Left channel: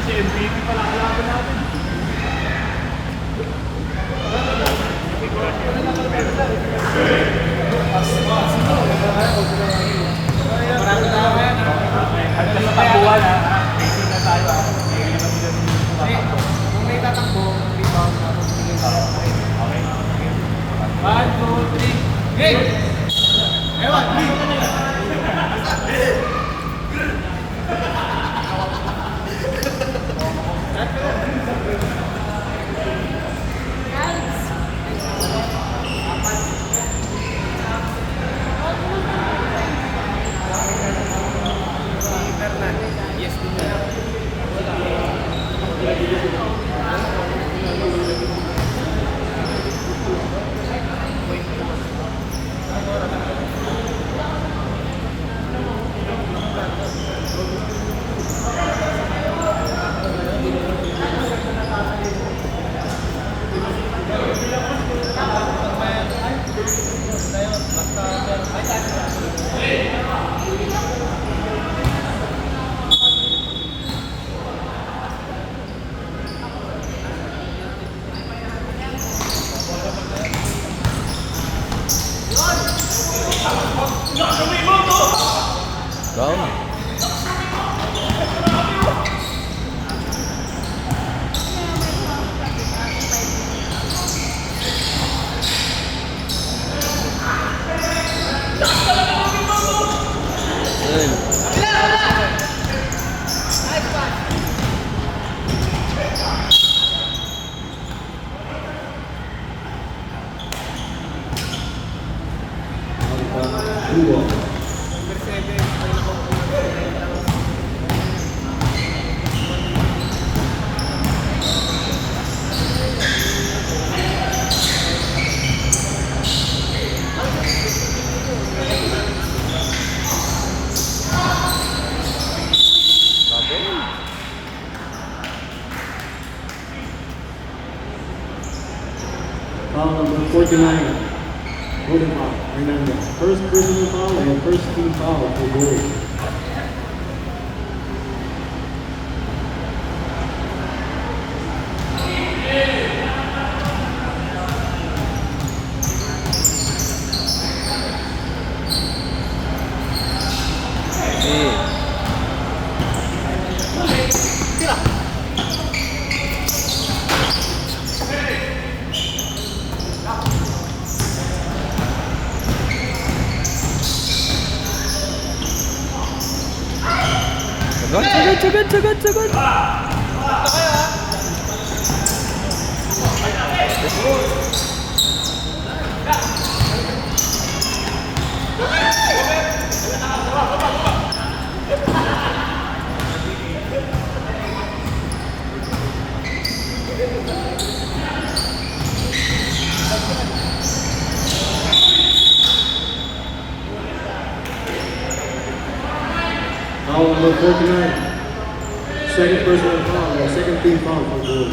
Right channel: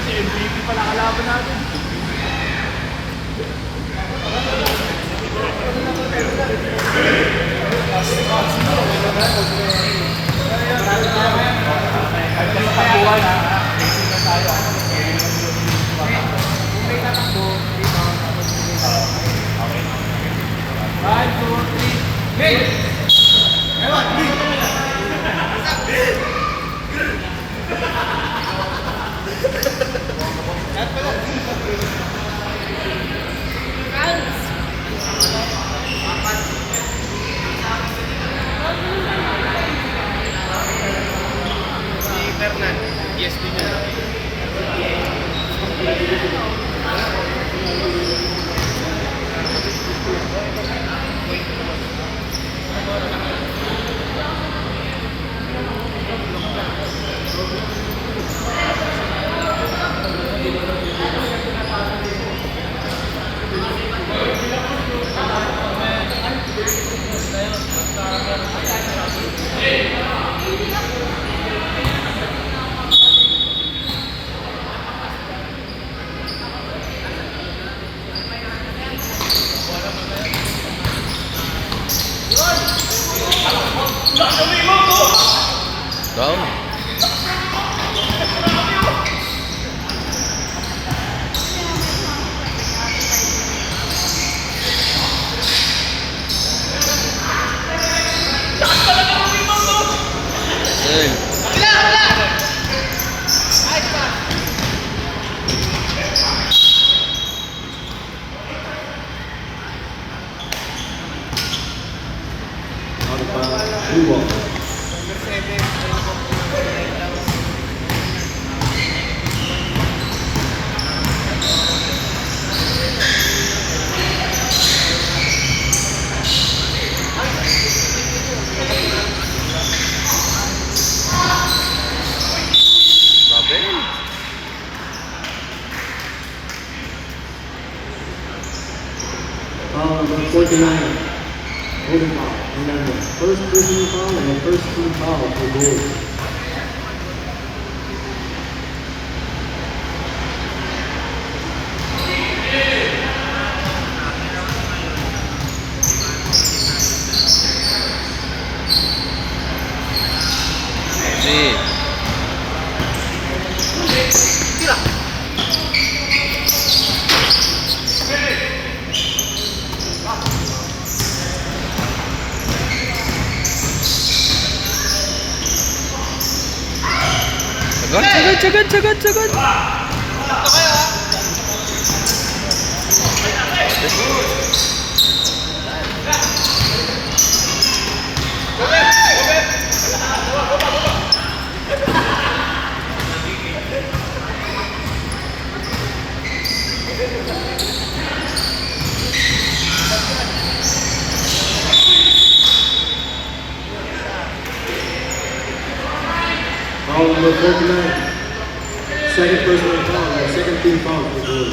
kasi MVP pala kalaban natin. Ay, tatakbuhan ha. Racing na tayo ha. Kung may tatakbo, rebound, tapos hindi tayo. Okay. 1, 2, 3, game! Ewan, yes, din yan. Down. Blue ball. Foul number 49. Holding foul. And then the first personal foul and first team foul for goal. Sagad. Foul number 49. Second personal foul and second team foul for goal.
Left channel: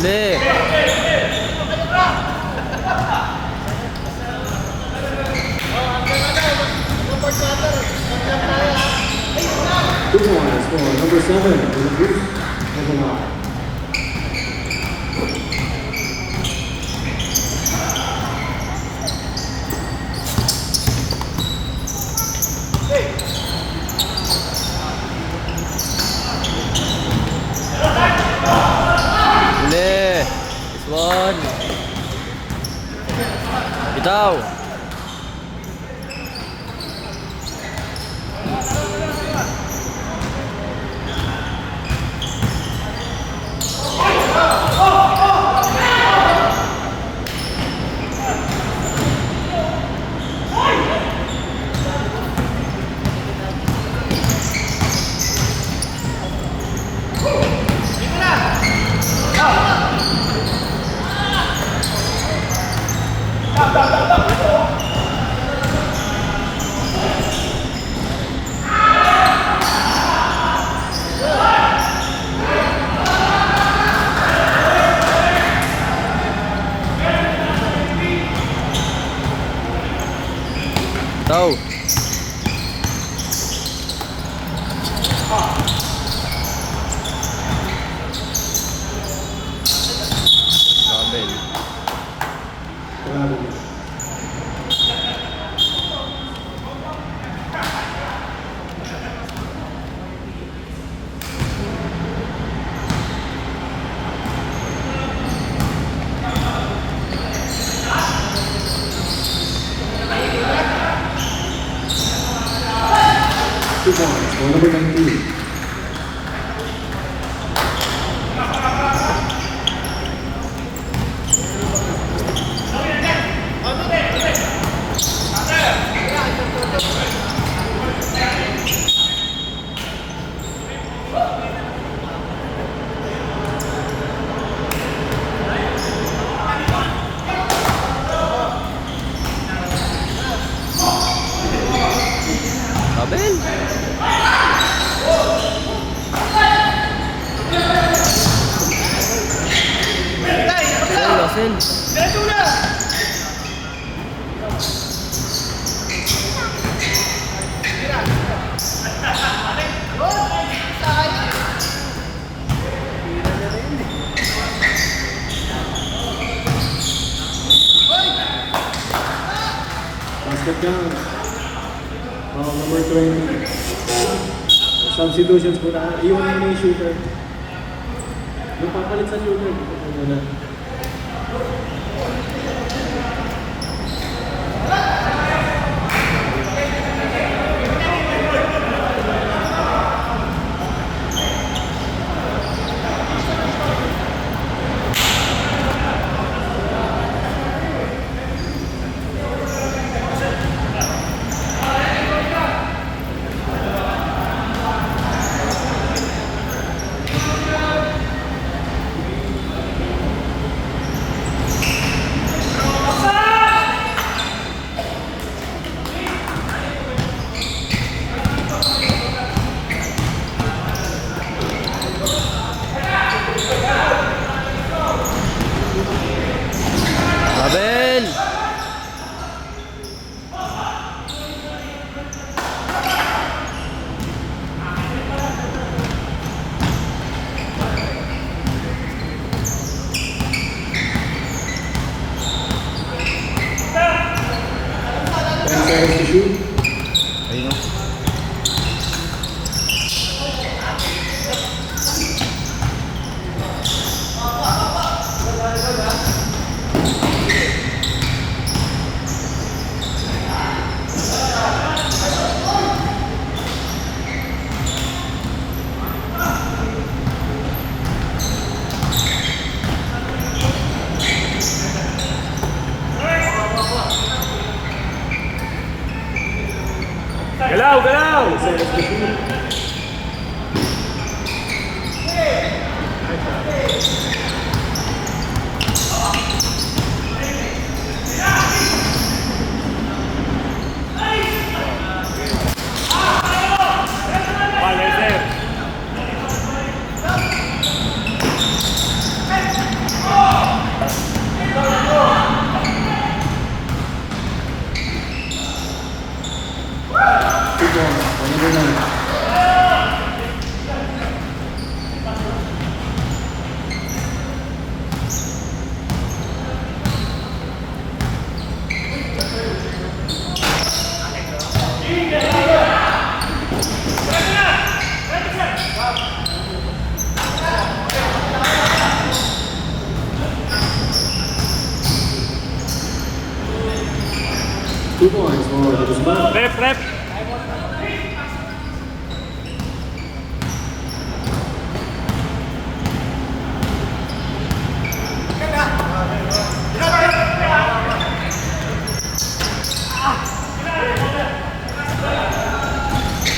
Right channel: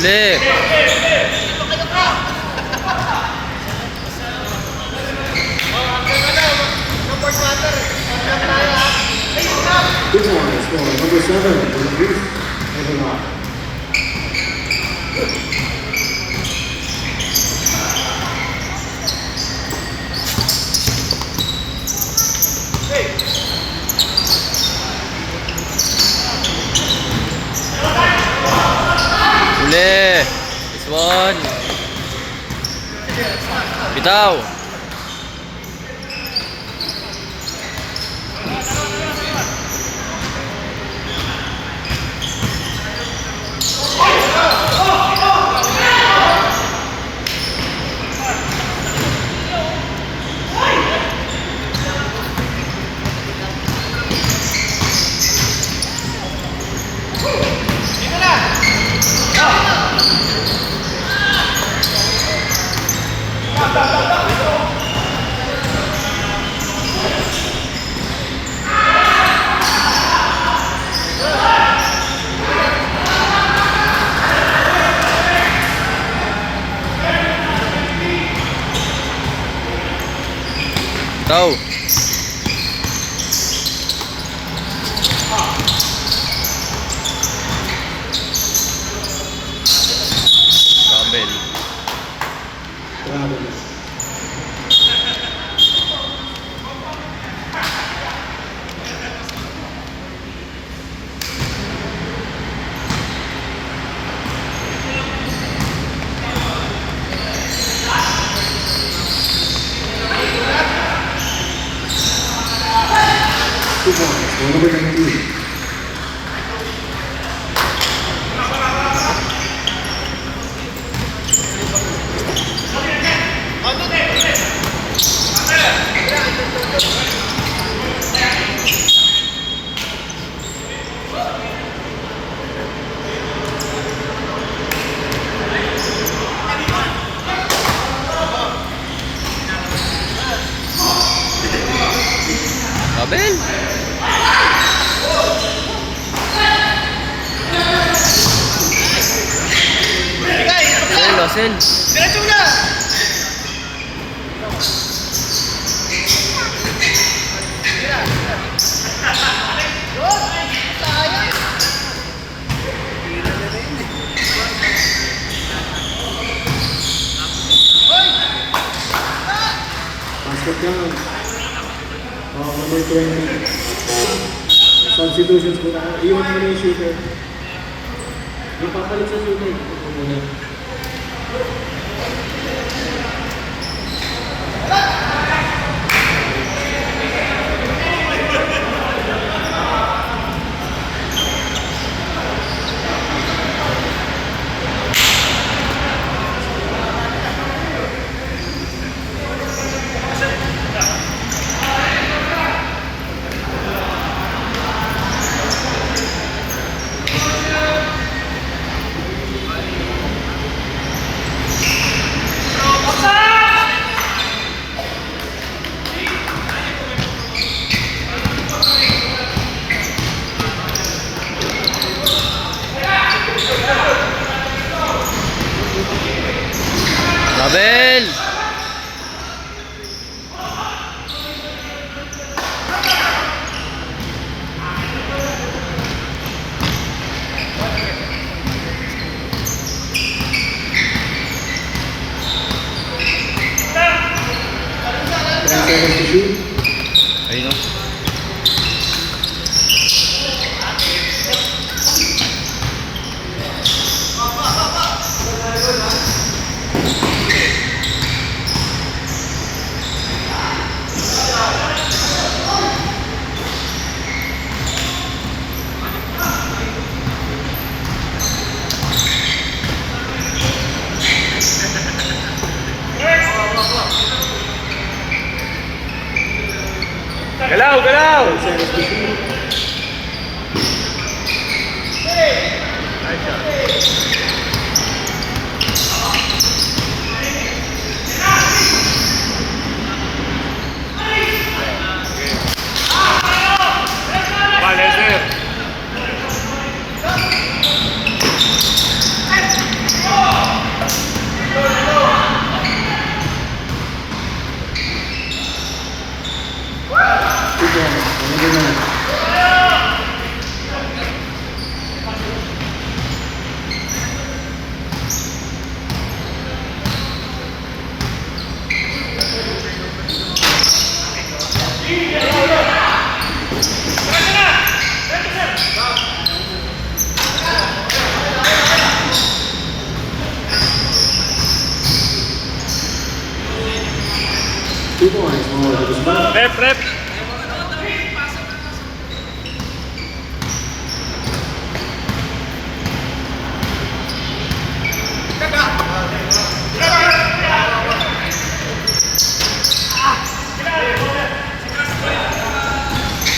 Uli. Big one is for number 7 in the booth. Moving on. Uli. This one. Bitaw. Bitaw. Kabel. Two points for number 19. Kabel. Sel, sel. Basket count. Number 20. Substitutions muna. Iwan mo na yung shooter. Napapalit sa shooter. Ito muna. Kabel. To shoot. Ayun o. Galaw, galaw! Vale, sir. Two points for number 9. 2 points more to the spread. Rep, rep.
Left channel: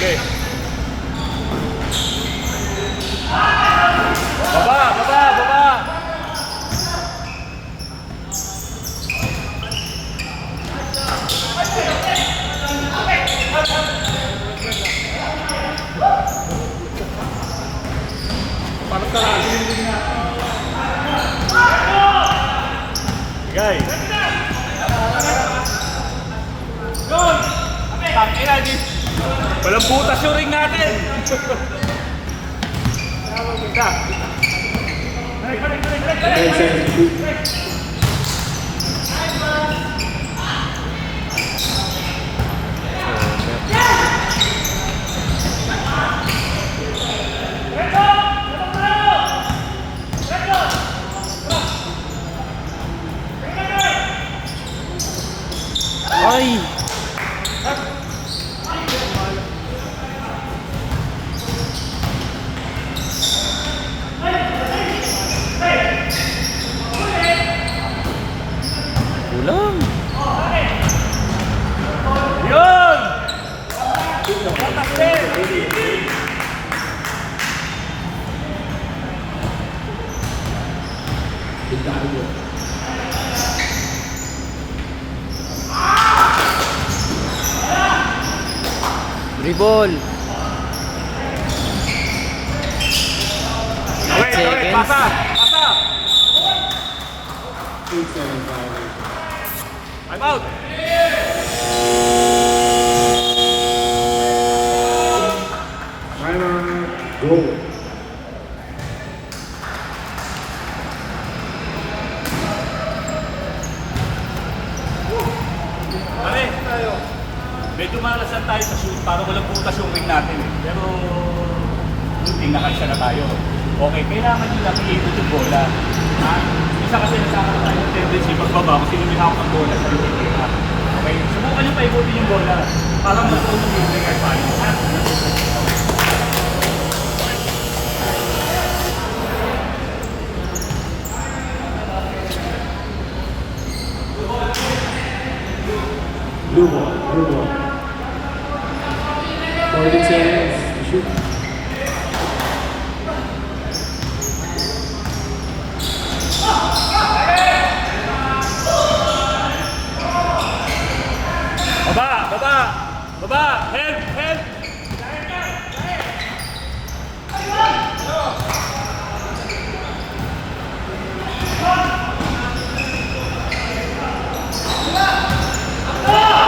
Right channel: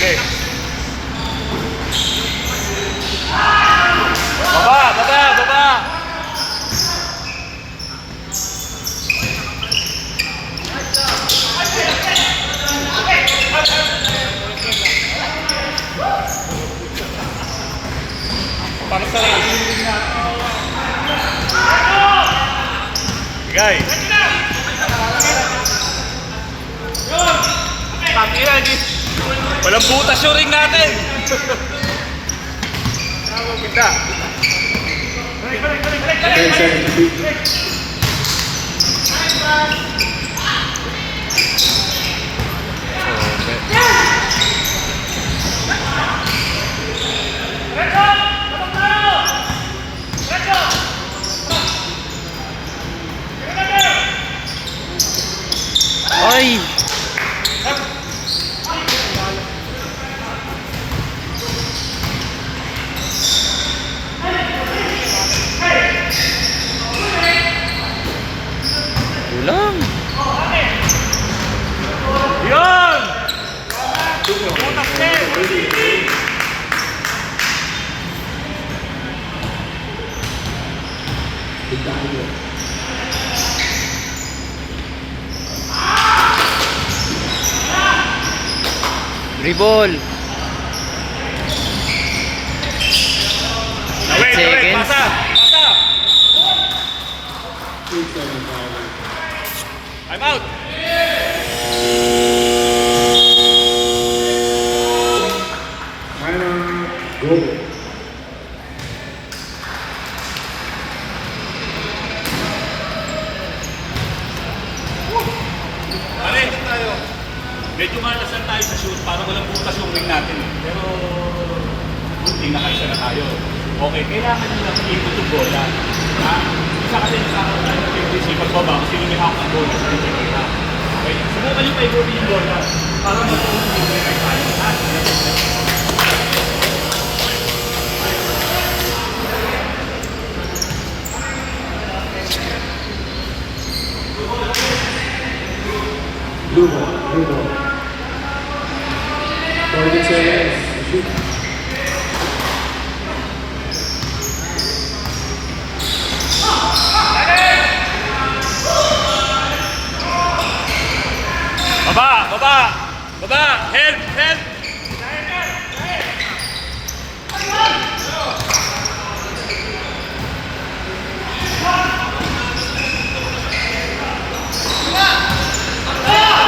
Okay. Baba, baba, baba. Para sa hindi na. Gay. Tangina di. Walang butas yung ring natin. Bravo kita. 10 seconds to beat. Ay! Kulang! Yun! Dribble! Wait, Seconds. pasa! Pasa! 3 seconds foul. I'm out! Timer, goal. Okay, tayo. Medyo malasan tayo sa shoot para walang butas yung ring natin eh. Pero, buti nakaisa na tayo. Okay, kailangan nyo lang i-ikot yung bola. Ha? Isa kasi nasakaroon tayo ng tendency pagbaba kung sino may hawak ng bola sa rin na. Okay, subukan nyo pa-ikutin yung bola para magpunan yung ring kahit paano. Ha? Blue ball, blue ball. 40 seconds to shoot. Baba! Baba! Baba! Help! Help!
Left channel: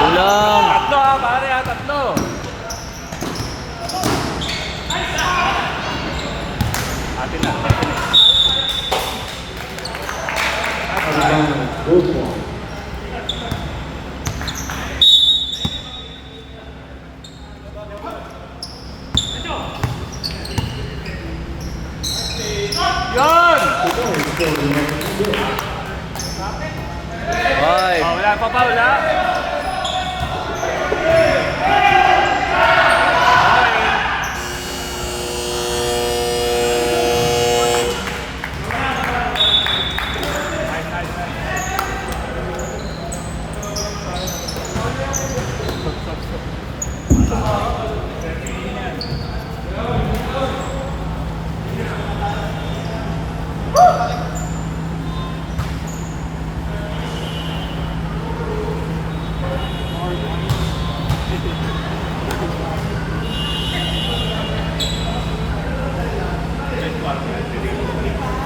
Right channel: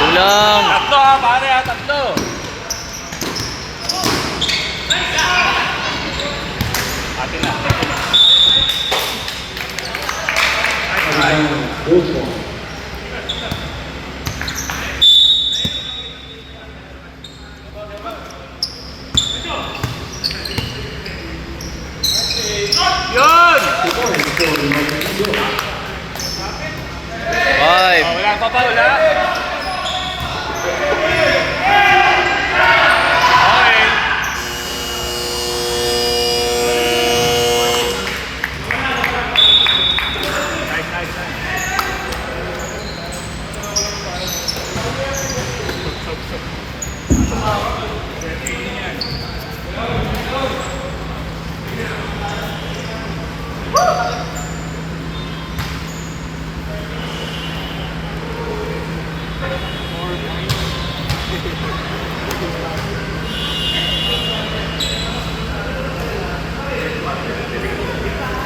Kulang! Tatlo ha, pare ha, tatlo! Atin na. Both ball. Yun! 2 points, so the momentum is good. 5, Wala pa ba? Wala?